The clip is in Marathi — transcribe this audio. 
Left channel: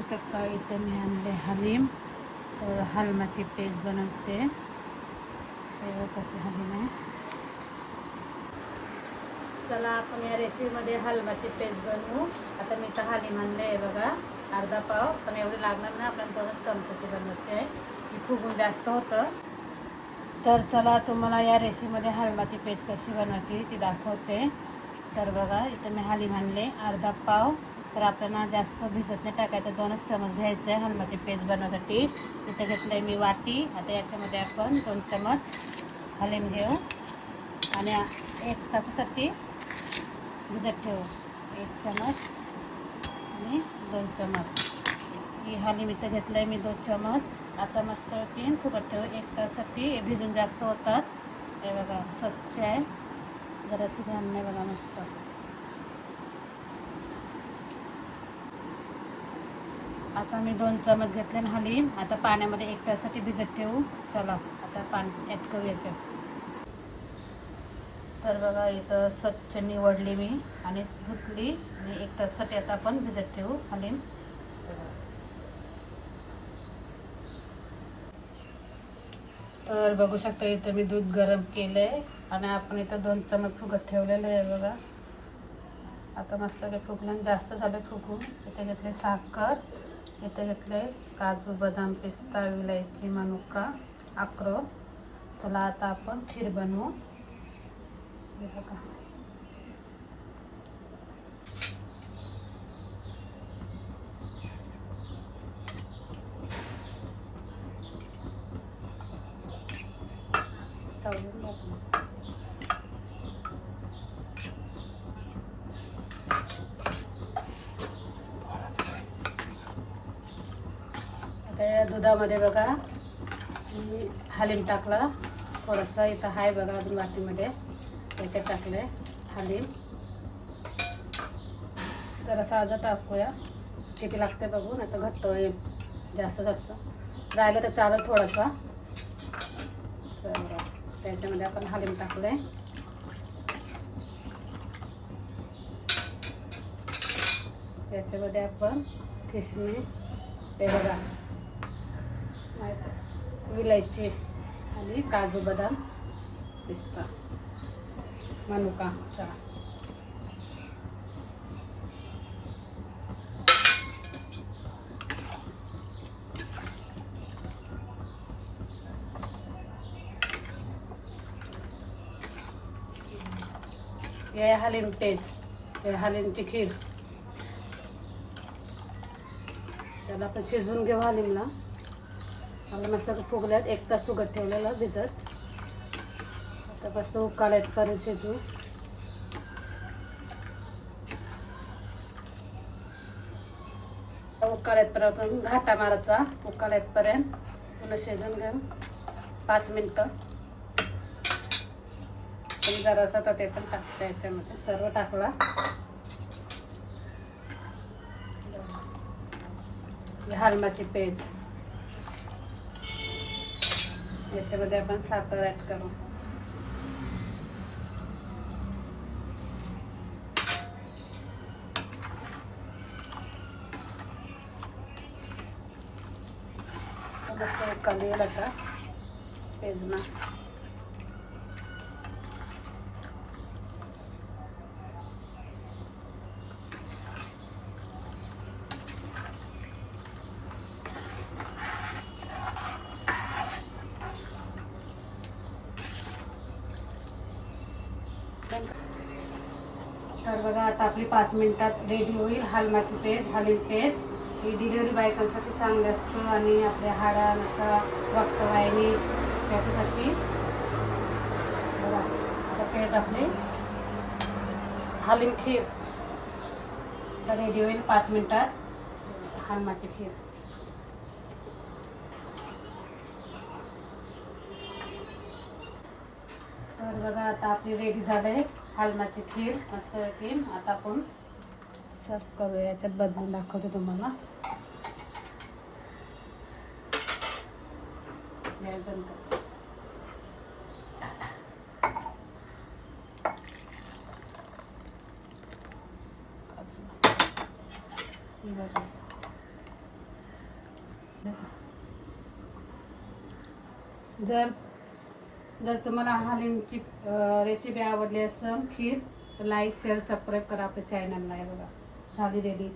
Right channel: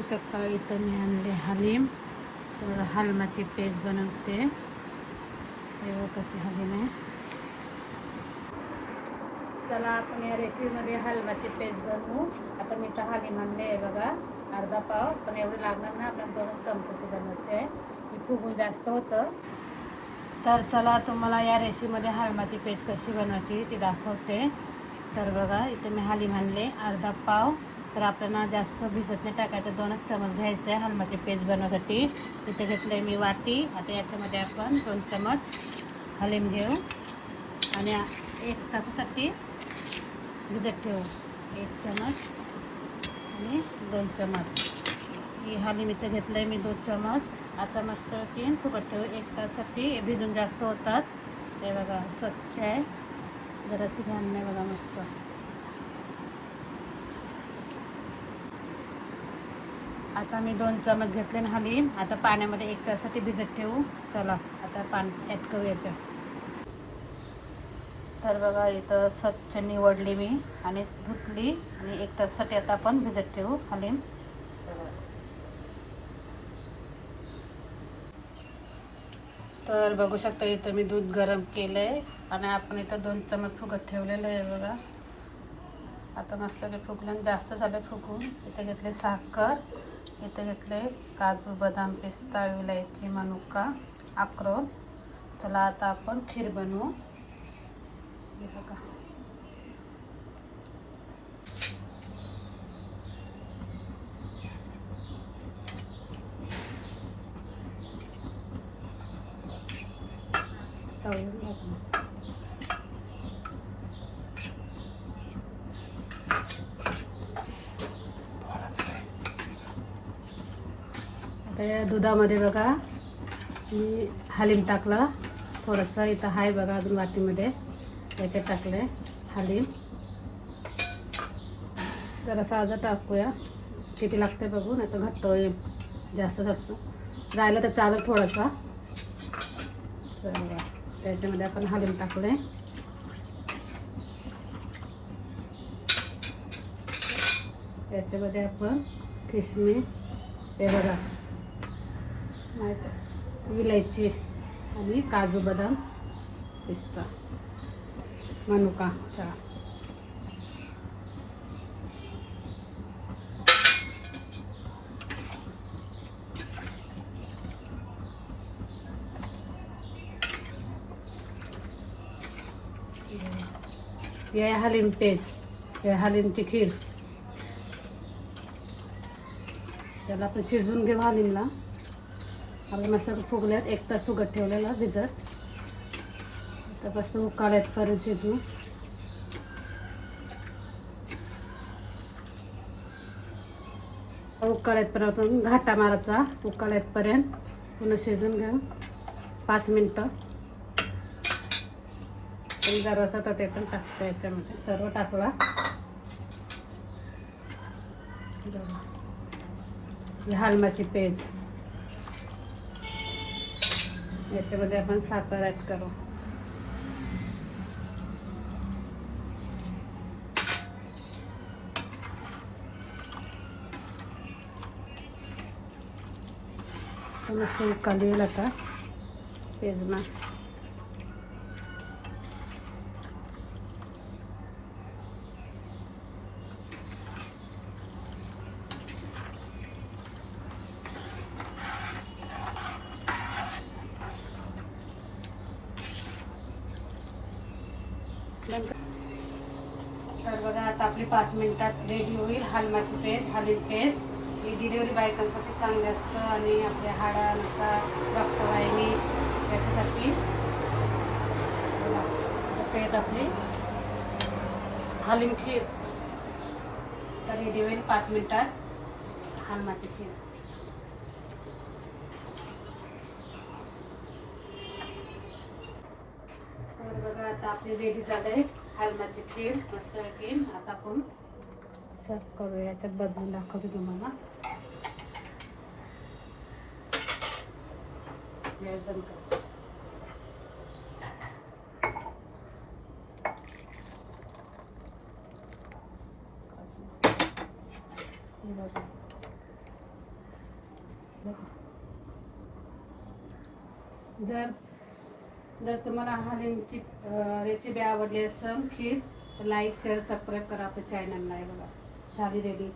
सकाळी इथं मी आणले हलीम. तर हलमाची पेस्ट बनवते. हे कसे हलीम आहे. चला आपण या रेसिपीमध्ये हलमाची पेस्ट बनवू. आता मी तर हलीम आणले आहे बघा. अर्धा पाव. पण एवढे लागणार ना आपण दोनच चमचे बनवायचे आहे. ही फुगून जास्त होतं. तर चला तुम्हाला या रेसिपीमध्ये हलमाची पेस्ट कशी बनवायची ती दाखवते. तर बघा इथं मी हलीम आणले. अर्धा पाव. तर आपल्याला जास्त भिजत नाही टाकायचं. दोनच चमच घ्यायचं आहे हलमाची पेस्ट बनवण्यासाठी. इथे घेतलं आहे मी वाटी. आता याच्यामध्ये आपण दोन चमच हलीम घेऊ. आणि एक तासासाठी भिजत ठेवू. एक चमच आणि दोन चमच. ही हलीम इथं घेतलं आहे मी दोन चमच. आता मस्त तीन फुकट ठेवू. एक तासासाठी भिजून जास्त होतात. हे बघा स्वच्छ आहे. जराशी घाण नाही बघा मस्त. आता मी दोन चमच घेतले ना हलीम. आता पाण्यामध्ये एक तासाठी भिजत ठेवू. चला आता पाणी ॲड करू याच्या तर बघा इथं स्वच्छ निवडली मी आणि धुतली आणि एक ताससाठी आता आपण भिजत ठेवू हलीम. तर बघू शकता इथं मी दूध गरम केलं आहे आणि आपण इथं दोन चमच फुगत ठेवलेलं आहे बघा. आता मस्त ते फुगलं जास्त झालं फुगून इथे घेतले साखर. इथे घेतले काजू बदाम पिस्ता विलायची मनुका अक्रोड. चला आता आपण खीर बनवू. हे बघा. तळून आता या दुधामध्ये बघा मी हलीम टाकलं. थोडंसं इथं आहे बघा अजून वाटीमध्ये. त्याच्यात टाकले हलीम. जरासं अजून टाकूया. किती लागते बघू नाही तर घट्ट होईल. जास्त जास्त. राहिलं तर चालत थोडंसं. चला त्याच्यामध्ये आपण हलीम टाकले त्याच्यामध्ये आपण किसमी हे बघा. विलायची आणि काजू बदाम पिस्ता. मनुका चहा ये हलीम तेज हे तिखीर. हलीमची खीर त्याला आपण शिजवून घेऊ हलीमला. आपलं मस्त फुगल्यात एक तास फुगत ठेवलेलं भिजत. आता मस्त उकाळ्यात परत शिजू. उकाळ्यात परत घाटा मारायचा उकाळ्यात पर्यंत. पुन्हा शिजून घ्या पाच मिनटं. पण जरासा तर ते पण टाकतं याच्यामध्ये. सर्व टाकला. हलमाची पेज. याच्यामध्ये आपण साखर ॲड करू. मस्त कमी येईल आता पेजना बघा आता आपली पाच मिनिटात रेडी होईल. हलमाची पेज हलीम पेज ही डिलिव्हरी बायकांसाठी चांगली असतो आणि आपल्या हाडानुसार रक्तवाहिनी त्याच्यासाठी बघा आता पेज आपली. हलीम खीर. तर रेडी होईल पाच मिनिटात. हलमाची खीर. तर बघा आता आपली रेडी झालंय हालमाची खीर मस्त की आता आपण सर्व करू याच्यात बदलून दाखवतो तुम्हाला. जर जर तुम्हाला हालिमची रेसिपी आवडली असेल खीर तर लाईक शेअर सबस्क्राईब करा आपल्या चॅनलला आहे बघा. झाली रेडी